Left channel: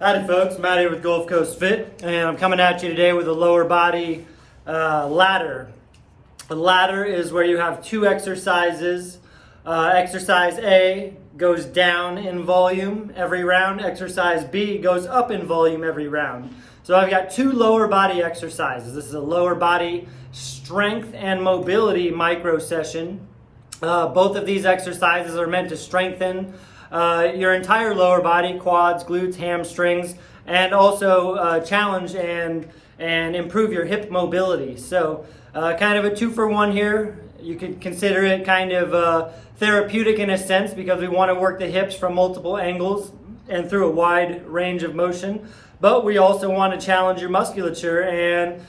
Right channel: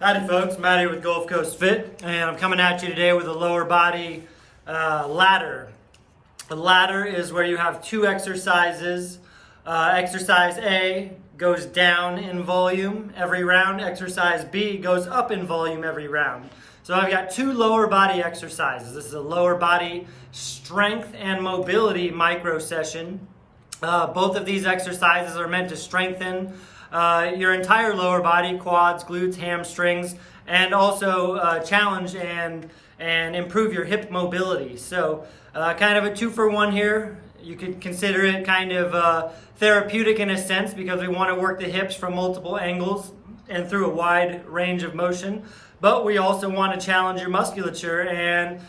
Howdy folks, Matt here with Gulf Coast Fit, and I'm coming at you today with a lower body ladder. A ladder is where you have two exercises. Exercise A goes down in volume every round. Exercise B goes up in volume every round. So I've got two lower body exercises. This is a lower body strength and mobility micro session. Both of these exercises are meant to strengthen your entire lower body, quads, glutes, hamstrings, and also challenge and improve your hip mobility. So kind of a 2-for-1 here. You could consider it kind of therapeutic in a sense because we want to work the hips from multiple angles and through a wide range of motion. But we also want to challenge your musculature and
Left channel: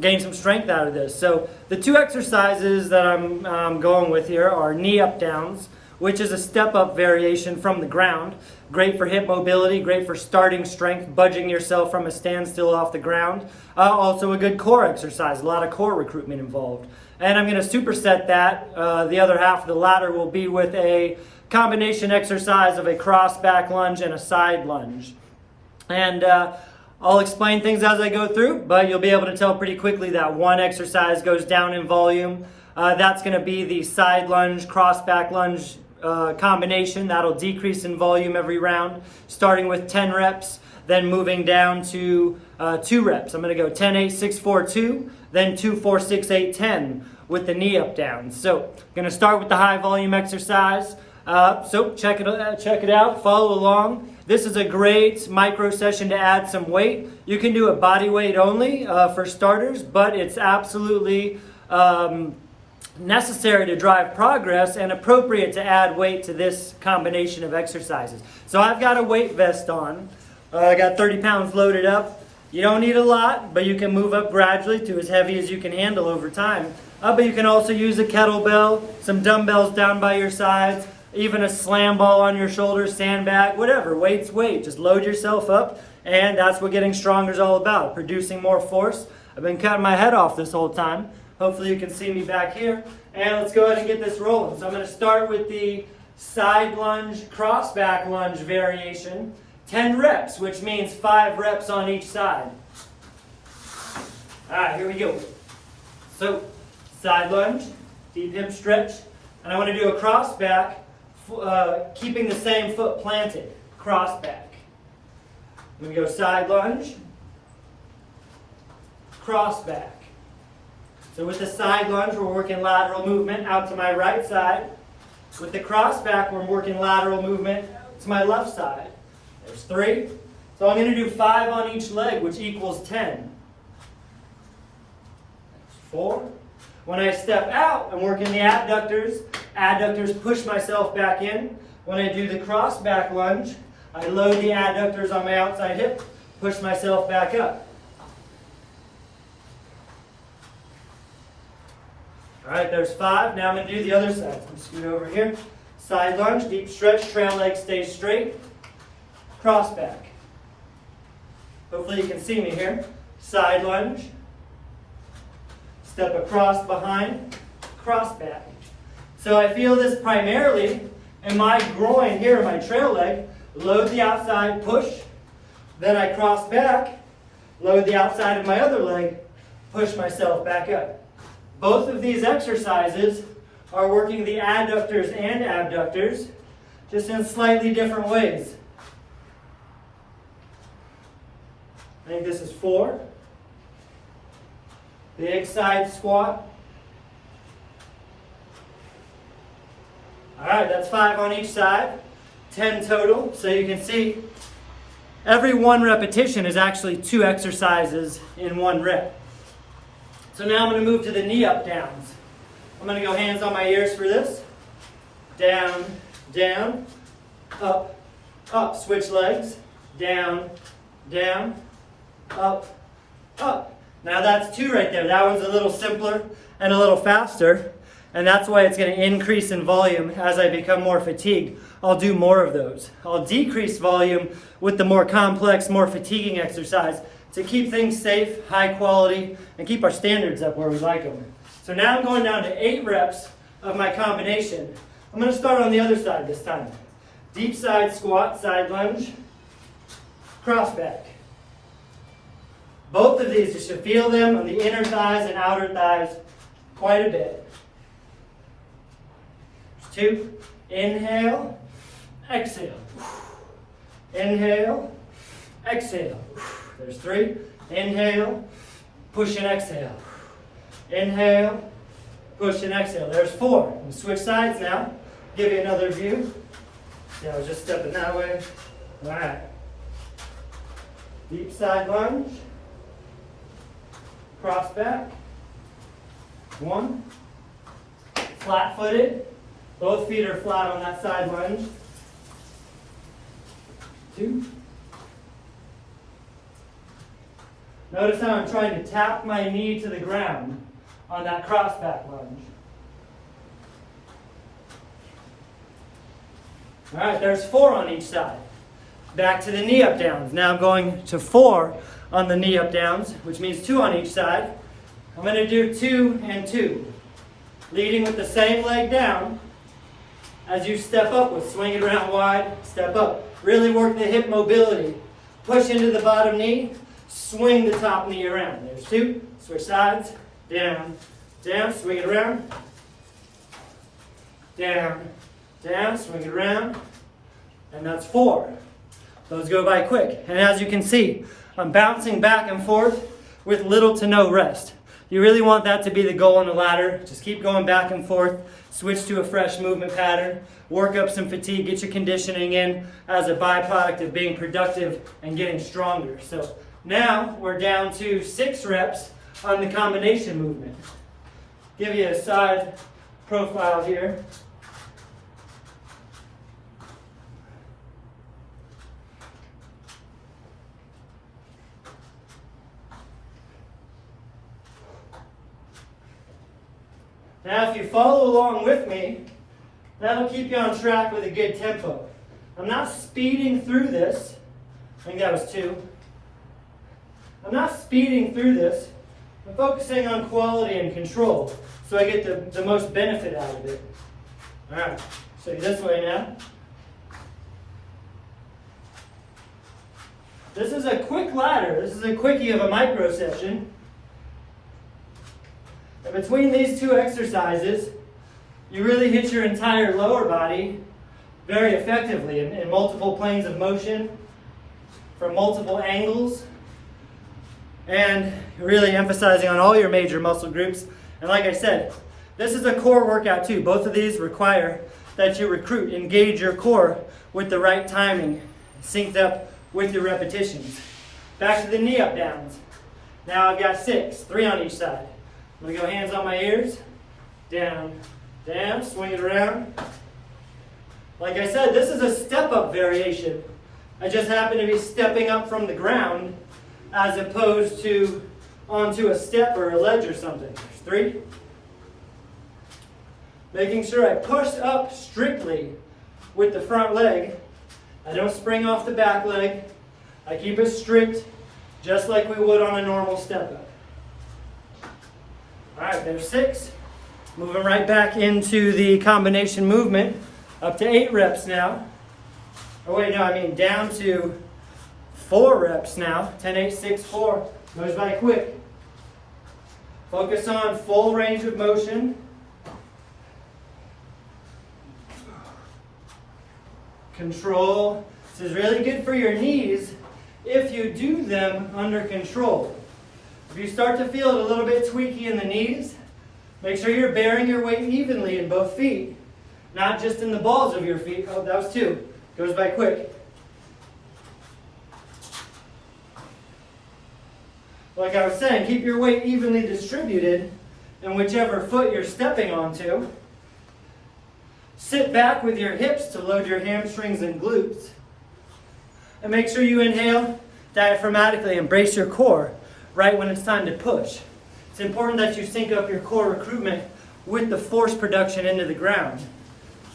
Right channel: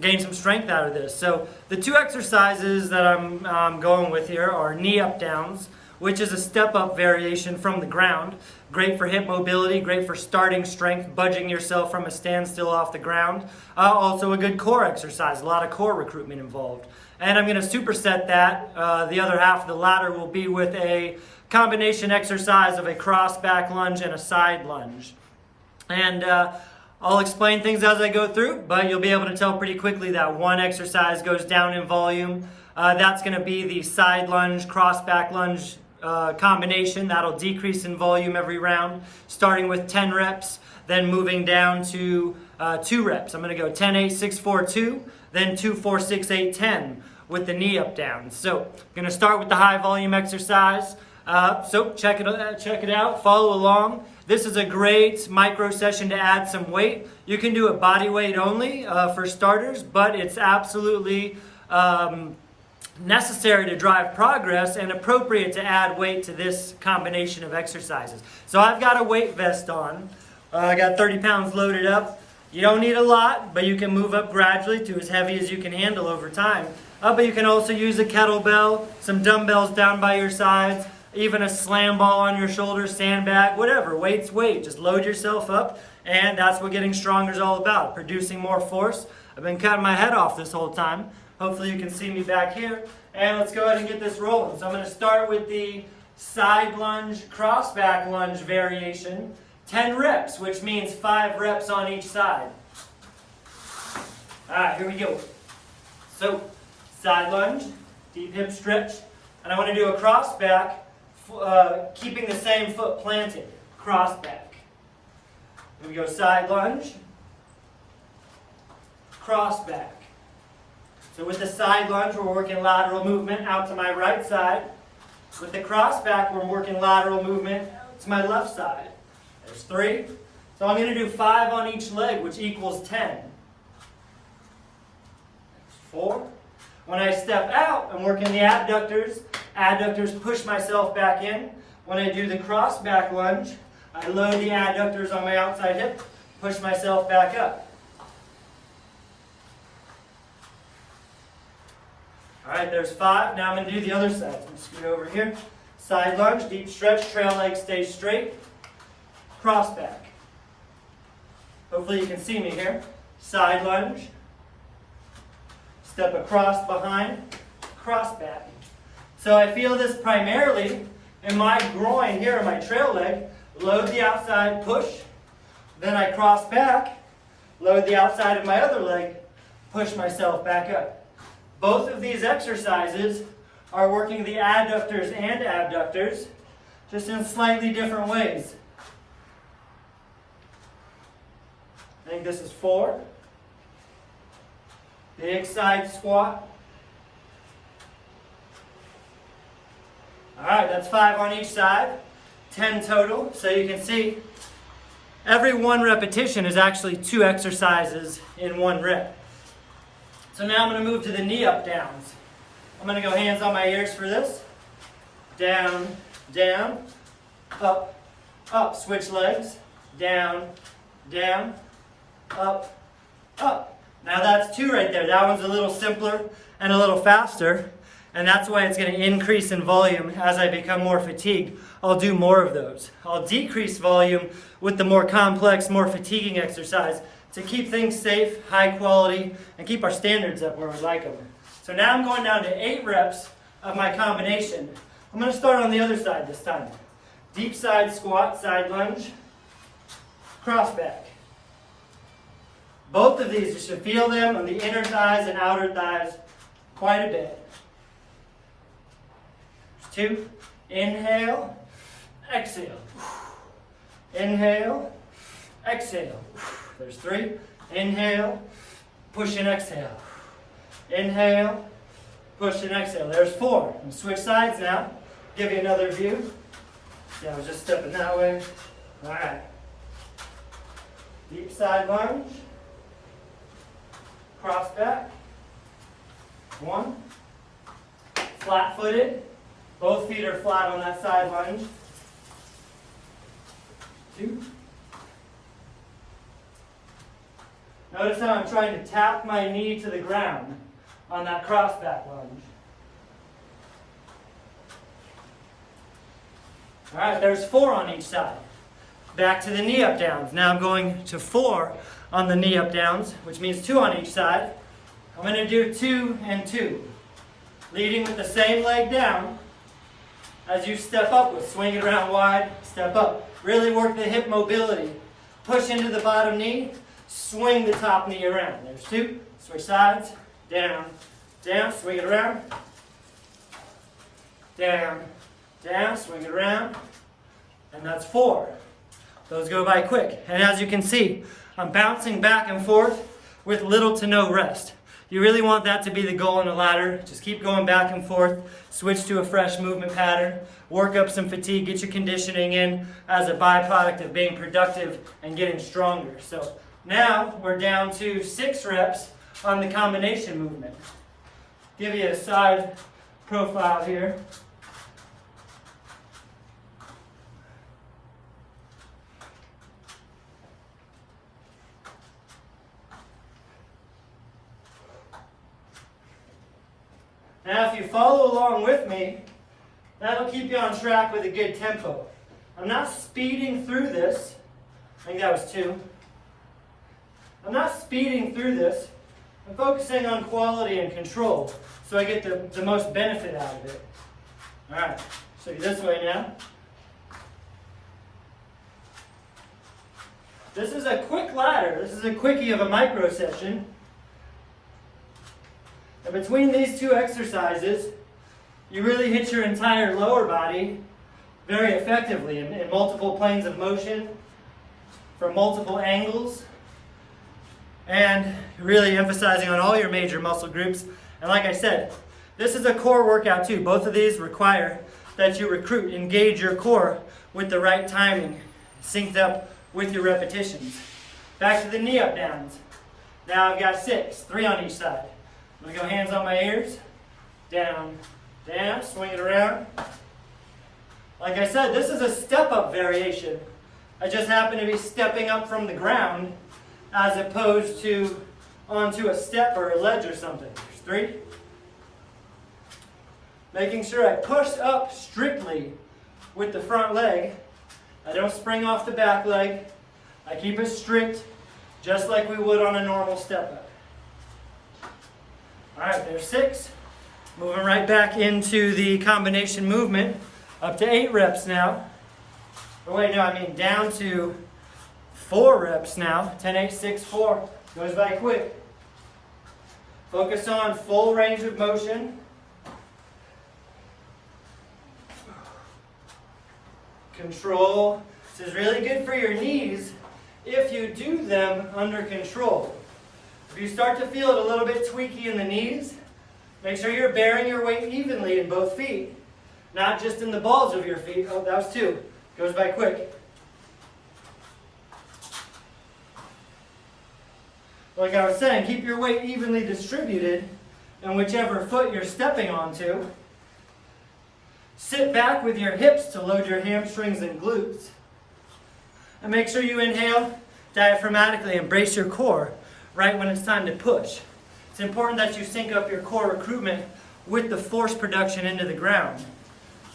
gain some strength out of this. So the two exercises that I'm going with here are knee up downs, which is a step-up variation from the ground. Great for hip mobility, great for starting strength, budging yourself from a standstill off the ground. Also a good core exercise, a lot of core recruitment involved. And I'm gonna superset that. The other half of the ladder will be with a combination exercise of a cross back lunge and a side lunge. And I'll explain things as I go through, but you'll be able to tell pretty quickly that one exercise goes down in volume. That's gonna be the side lunge, cross back lunge combination. That'll decrease in volume every round, starting with 10 reps, then moving down to 2 reps. I'm going to go 10, 8, 6, 4, 2, then 2, 4, 6, 8, 10 with the knee up down. So I'm going to start with the high volume exercise. So check it out, follow along. This is a great micro session to add some weight. You can do a body weight only for starters, but it's absolutely necessary to drive progress and appropriate to add weight to this combination of exercises. So I've got a weight vest on. I got 30 pounds loaded up. You don't need a lot, but you can move up gradually to as heavy as you can handle over time. But you can also use a kettlebell, some dumbbells down by your sides, even a slam ball on your shoulders, sandbag, whatever. Weight's weight. Just load yourself up, and that's what getting stronger is all about, producing more force. I've been cutting my head off this whole time. Hopefully you can see me back here. And let's go ahead and get this rolling. So I'm going to start with the side lunge, cross back lunge variation. 10 reps, which means 5 reps on each side. All right, here we go. So side lunge, deep hip stretch. And I want to do a cross back, keeping the same foot planted. Cross back. Let me go side lunge, cross back. So with the side lunge, we're working lateral movement out to my right side. With the cross back, we're working lateral movement to my left side. There's 3. So I'm going to do 5 on each leg, which equals 10. 4. When I step out, I'm working the adductors. Adductors push myself back in. When I do the cross back lunge, I load the adductors on my outside hip, push myself back up. All right, there's 5. Now I'm going to do the other side. Scoot over here. Side lunge, deep stretch, trail leg stays straight. Cross back. Hopefully you can see me here. Side lunge. Step across behind. Cross back. So I feel this primarily in my groin here, in my trail leg. Load the outside, push. Then I cross back. Load the outside of my other leg. Push myself back up. Both of these exercises are working the adductors and abductors, just in slightly different ways. I think this is 4. Big side squat. All right, that's 5 on each side, 10 total. So you can see every 1 repetition is actually 2 exercises in 1 rep. So now I'm going to move to the knee up downs. I'm going to go hands on my ears for this. Down, down, up, up. Switch legs. Down, down, up, up. Now that's 2 right there. That one's a little simpler and a little faster. And that's why it's going to increase in volume as I become more fatigued. I'll do more of those. I'll decrease volume with the more complex, more fatiguing exercise to keep things safe, high quality, and keep our standards up where we like them. So now I'm going down to 8 reps of my combination. I'm going to start on the other side this time. Deep side squat, side lunge. cross back. Both of these, you should feel them on the inner thighs and outer thighs quite a bit. 2, inhale, exhale. Inhale, exhale. There's 3, inhale, push and exhale. Inhale, push and exhale. There's 4. And switch sides now. Give you another view. So I was just stepping that way. All right. Deep side lunge. Cross back. 1. Flat footed. Both feet are flat on that side lunge. 2. Notice how I'm trying to tap my knee to the ground on that cross back lunge. All right, there's 4 on each side. Back to the knee up downs. Now I'm going to 4 on the knee up downs, which means 2 on each side. I'm going to do 2 and 2. Leading with the same leg down. As you step up with swing it around wide, step up. Really work the hip mobility. Push into the bottom knee, swing the top knee around. There's 2, switch sides, down, down, swing it around, down, down, swing it around, and that's 4. Those go by quick. And as you can see, I'm bouncing back and forth with little to no rest. You really want that to be the goal in a ladder. Just keep going back and forth, switch to a fresh movement pattern, work up some fatigue, get your conditioning in as a byproduct of being productive and getting stronger. So now we're down to 6 reps on the combination movement. Give you a side profile here. Now if you follow along with me, that'll keep you on track with a good tempo. I'm not speeding through this. I think that was 2. I'm not speeding through this. I'm focusing on quality and control so I get the most benefit out of it. All right, show you this way now. This is a quick ladder. This is a quickie of a micro session. And between these 2 exercises, you really hit your entire lower body very effectively in multiple planes of motion, from multiple angles, and really emphasizing on all your major muscle groups. And like I said, this is a core workout too. Both of these require that you engage your core with the right timing, synced up with your repetitions. Back to the knee up downs. Now I've got 6, 3 on each side. I'm going to go hands on my ears, down, down, swing it around. Like I said, this is a step-up variation. I just happen to be stepping up from the ground as opposed to onto a step or a ledge or something. 3. Making sure I push up strictly with the front leg. I don't spring off the back leg. I keep it strict, just like we would on a normal step-up. All right, there's 6. Moving right back into the combination movement, up to 8 reps now. Oh wait, no, I mean down to 4 reps now. 10, 8, 6, 4. Goes by quick. Focus on full range of motion. Control. This is really good for your knees if you do them under control. If you start to feel it a little bit tweaky in the knees, make sure you're bearing your weight evenly in both feet, not just in the balls of your feet. Oh, that was 2. Goes by quick. Like I was saying, keep your weight evenly distributed in whichever foot you're stepping onto. Sit back with your hips to load your hamstrings and glutes. And make sure you inhale diaphragmatically and brace your core right when it's time to push. It's important that you sync up your core recruitment with the force production into the ground.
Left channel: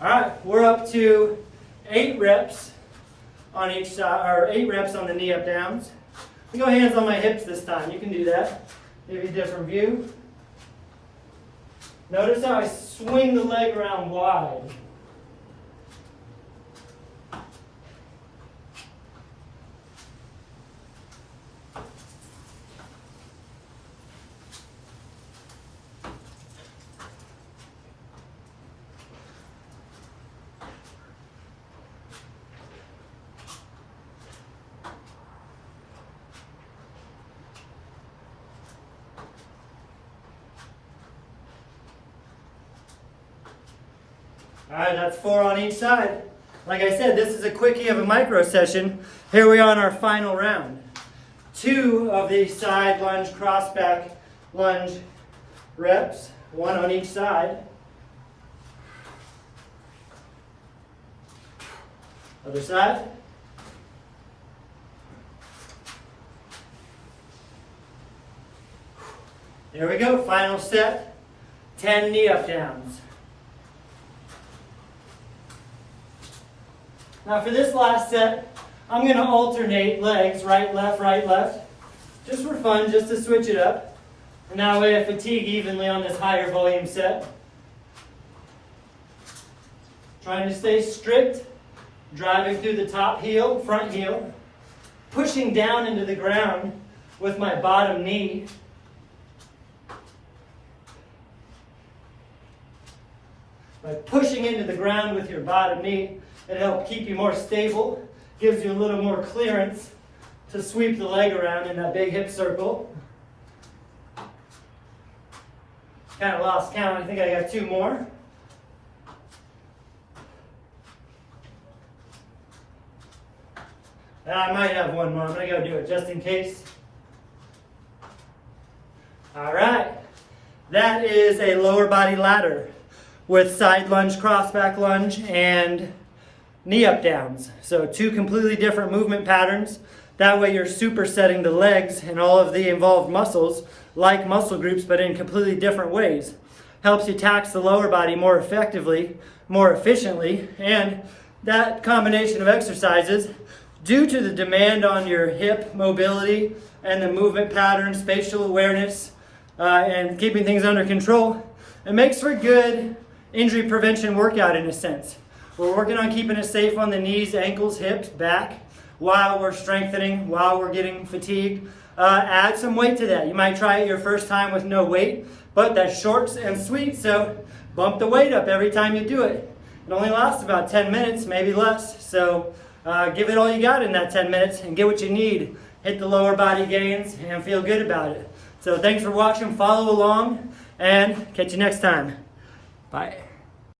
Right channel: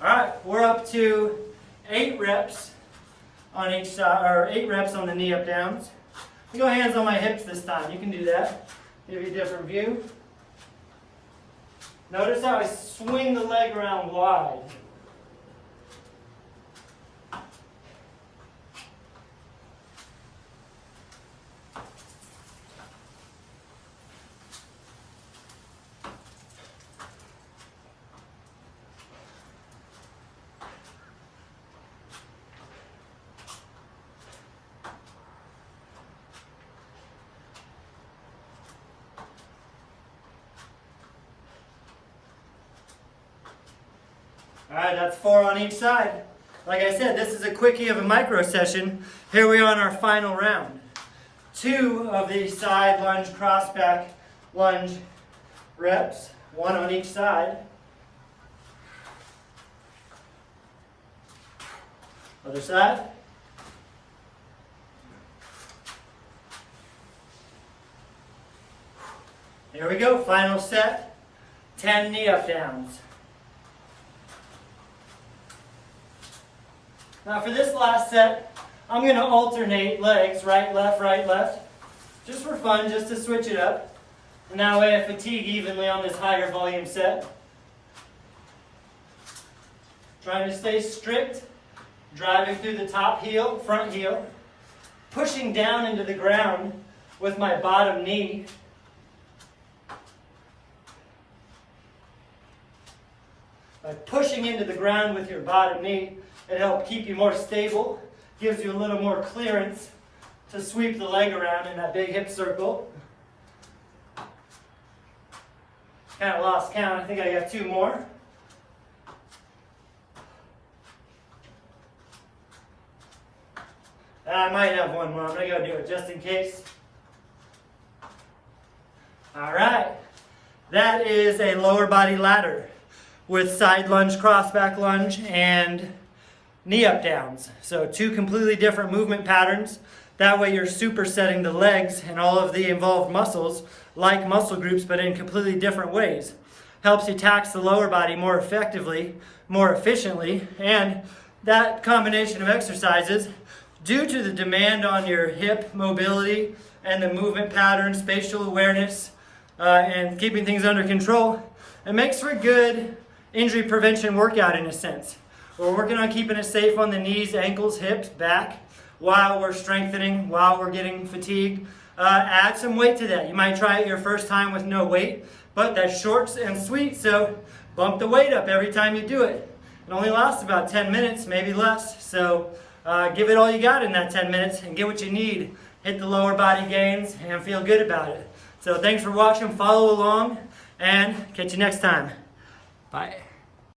All right, we're up to 8 reps on each side, or 8 reps on the knee up downs. I'm going to go hands on my hips this time. You can do that. Give you a different view. Notice how I swing the leg around wide. All right, that's 4 on each side. Like I said, this is a quickie of a micro session. Here we are on our final round. 2 of the side lunge, cross back lunge reps, 1 on each side. Other side. There we go, final set, 10 knee up downs. Now for this last set, I'm going to alternate legs, right, left, just for fun, just to switch it up. And that way I fatigue evenly on this higher volume set. Trying to stay strict, driving through the top heel, front heel, pushing down into the ground with my bottom knee. By pushing into the ground with your bottom knee, it helps keep you more stable, gives you a little more clearance to sweep the leg around in that big hip circle. Kind of lost count, I think I got 2 more. And I might have 1 more, I'm going to go do it just in case. All right, that is a lower body ladder with side lunge, cross back lunge, and knee up downs. So 2 completely different movement patterns. That way you're supersetting the legs and all of the involved muscles like muscle groups, but in completely different ways. Helps you tax the lower body more effectively, more efficiently, and that combination of exercises, due to the demand on your hip mobility and the movement pattern, spatial awareness, and keeping things under control, it makes for good injury prevention workout in a sense. We're working on keeping it safe on the knees, ankles, hips, back, while we're strengthening, while we're getting fatigued. Add some weight to that. You might try it your first time with no weight, but that's short and sweet, so bump the weight up every time you do it. It only lasts about 10 minutes, maybe less, so give it all you got in that 10 minutes and get what you need. Hit the lower body gains and feel good about it. So thanks for watching, follow along, and catch you next time. Bye.